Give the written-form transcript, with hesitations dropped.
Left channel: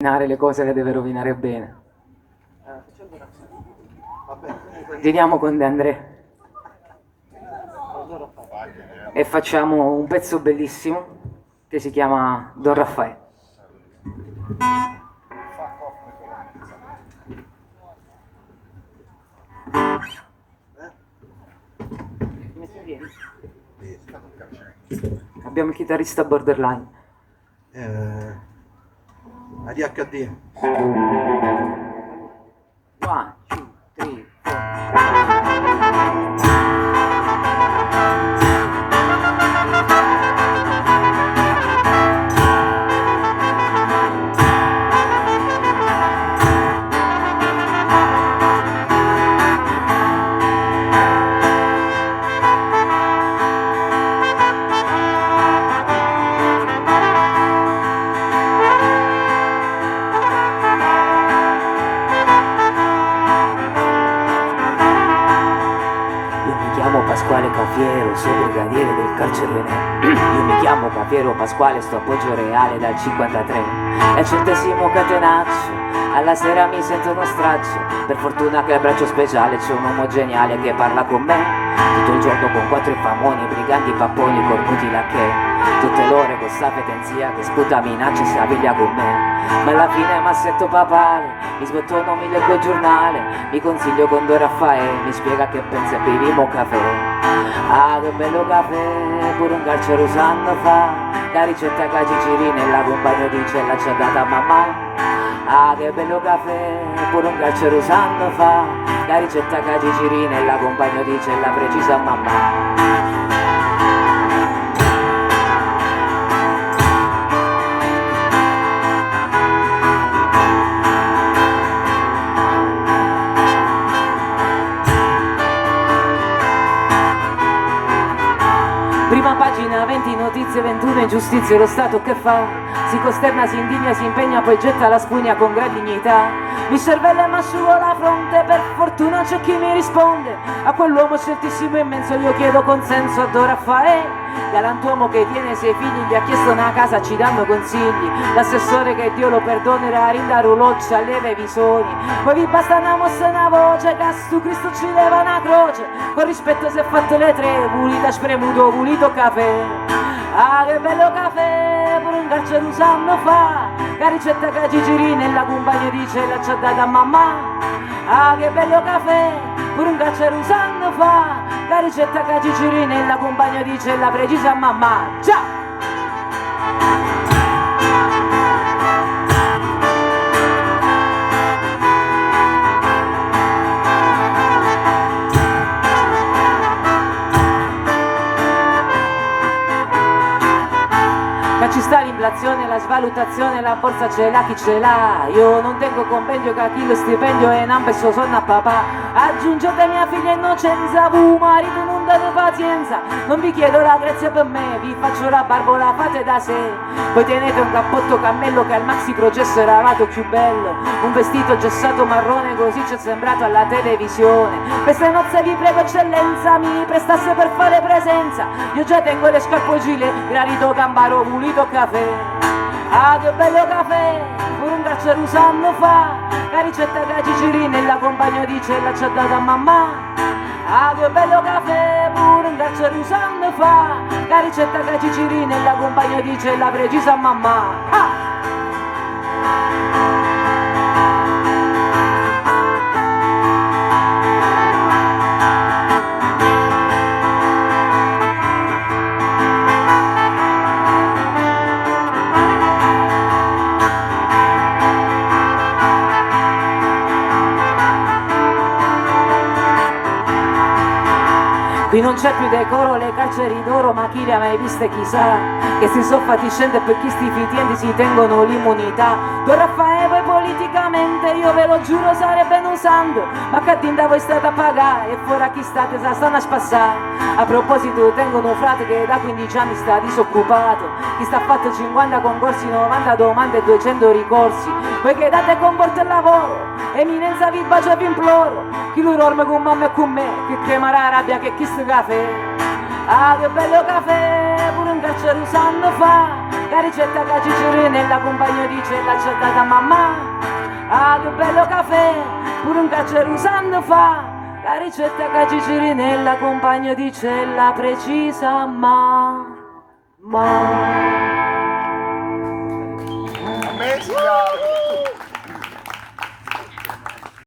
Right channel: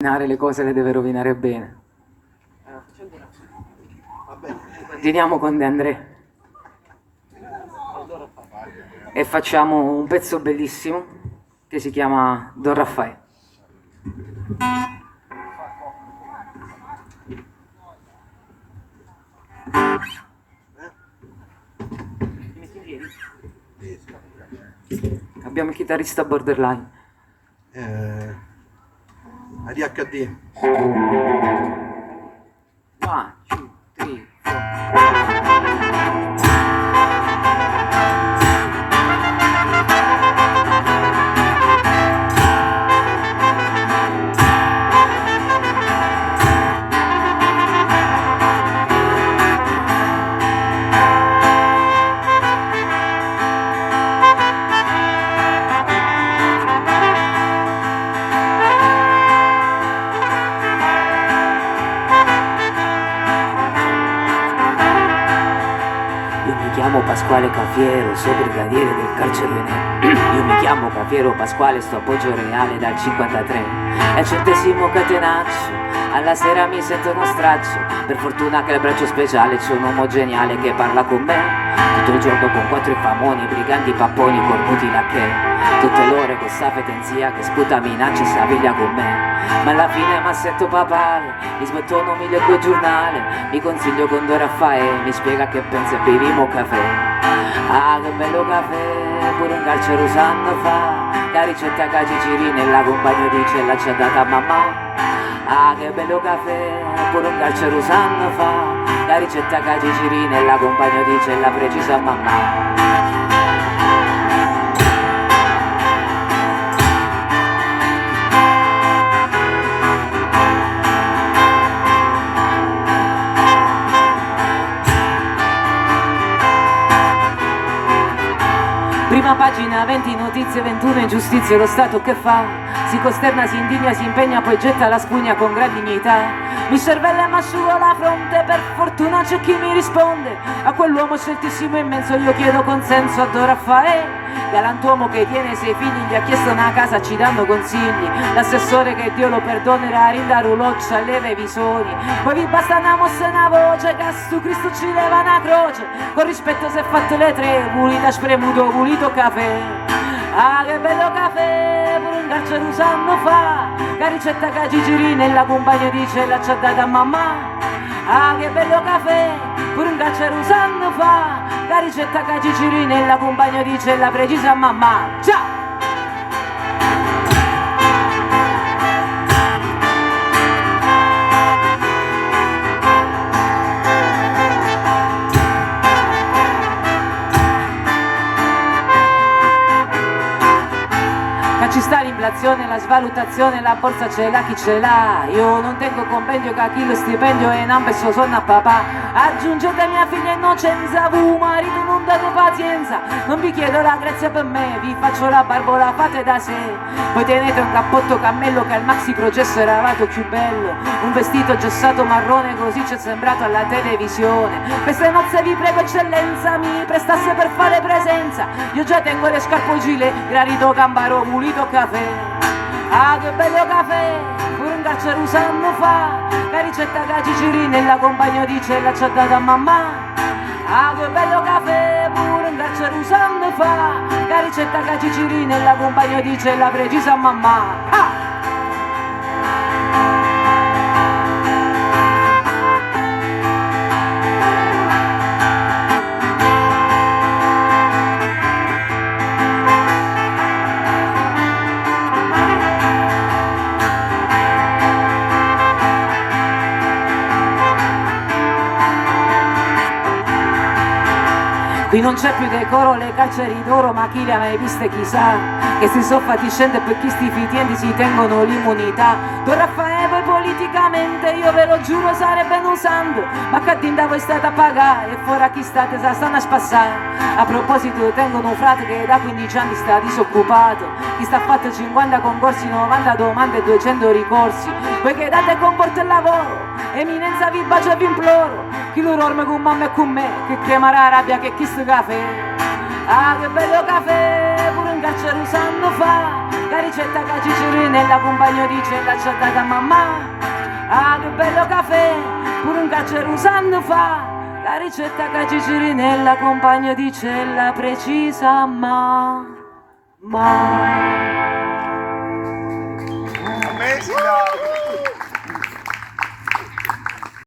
Le cose le deve rovinare bene. Continuiamo con De André e facciamo un pezzo bellissimo che si chiama Don Raffaele. Abbiamo il chitarrista borderline. ADHD. 1, 2, 3, 4. Mi chiamo Pasquale Cafiero, sono brigadiere del carcere. Io mi chiamo Cafiero Pasquale, sto a Poggio Reale dal 53. È il 100° catenaccio, alla sera mi sento uno straccio. Per fortuna che al braccio speciale c'è un uomo geniale che parla con me tutto il giorno con 4 infamoni, briganti, papponi, cornuti lacchè. Tutte l'ore con sta fetenzia che sputa minaccia e si avveglia con me. Ma alla fine m'assetto papale, mi sbottono, mi leggo il giornale, mi consiglio con Don Raffaele, mi spiega che pensa e beviamo caffè. Ah, che bello caffè, pure un carcere usando fa, la ricetta che Gigi nella compagno di cella ci ha data mamma. Ah, che bello caffè, pure un carcere usando fa, la ricetta che Gigi nella compagno di cella precisa mamma. Prima pagina 20, notizie 21, ingiustizie, lo Stato che fa? Si costerna, si indigna, si impegna, poi getta la spugna con gran dignità. Mi cervella e m'asciugo la fronte, per fortuna c'è chi mi risponde. A quell'uomo sceltissimo immenso io chiedo consenso a Don Raffaele. Galantuomo che tiene 6 figli, gli ha chiesto una casa, ci danno consigli. L'assessore che Dio lo perdonerà, rinda ruloccia alle revisori. Poi vi basta una mossa e una voce, che su Cristo ci leva una croce. Con rispetto se fatte le 3, pulita spremuto, pulito caffè. Ah, che bello caffè, per un carcere un anno fa, la ricetta che Gigi nella compagna di cella ci ha data mamma. Ah, che bello caffè, pure un carcere un anno fa, la ricetta che Gigi nella compagna di cella precisa mamma. Ciao! Ci sta l'inflazione, la svalutazione, la borsa ce l'ha chi ce l'ha. Io non tengo compendio che a chi lo stipendio e non penso sonno a papà. Aggiungete mia figlia innocenza, vu marito non date pazienza. Non vi chiedo la grazia per me, vi faccio la barba, la fate da sé. Poi tenete un cappotto cammello che al maxi processo era lato più bello. Un vestito giossato marrone così ci è sembrato alla televisione. Queste nozze vi prego eccellenza, mi prestasse per fare presenza. Io già tengo le scarpe gilet, granito gambaro, pulito caffè. Ah, che bello caffè, pure un carcere un anno fa, la ricetta che Gigi nella compagno di cella ci ha data mamma. Ah, che bello caffè, pure un carcere un anno fa, la ricetta che Gigi nella compagno di cella precisa mamma. Ah! Qui non c'è più decoro, le carceri d'oro, ma chi le ha mai viste chissà. Che si sono fatti scendere per chi sti fitiendi si tengono l'immunità. Don Raffaele voi politicamente, io ve lo giuro sarebbe un santo. Ma che dinda voi state a pagare e fuori a chi state sa stanno a spassare. A proposito tengono un frate che da 15 anni sta disoccupato. Chi sta fatto 50 concorsi, 90 domande e 200 ricorsi. Voi che date comporta il lavoro, eminenza vi bacio e vi imploro. Chi lo dorme con mamma e con me, che chiama la rabbia che chi sto caffè. Ah, che bello caffè, pure un carcere usando fa, la ricetta che Gigi nella compagnia dice l'ha accettata mamma. Ah, che bello caffè, pure un carcere usando fa, la ricetta che Gigi nella compagnia dice la precisa ma.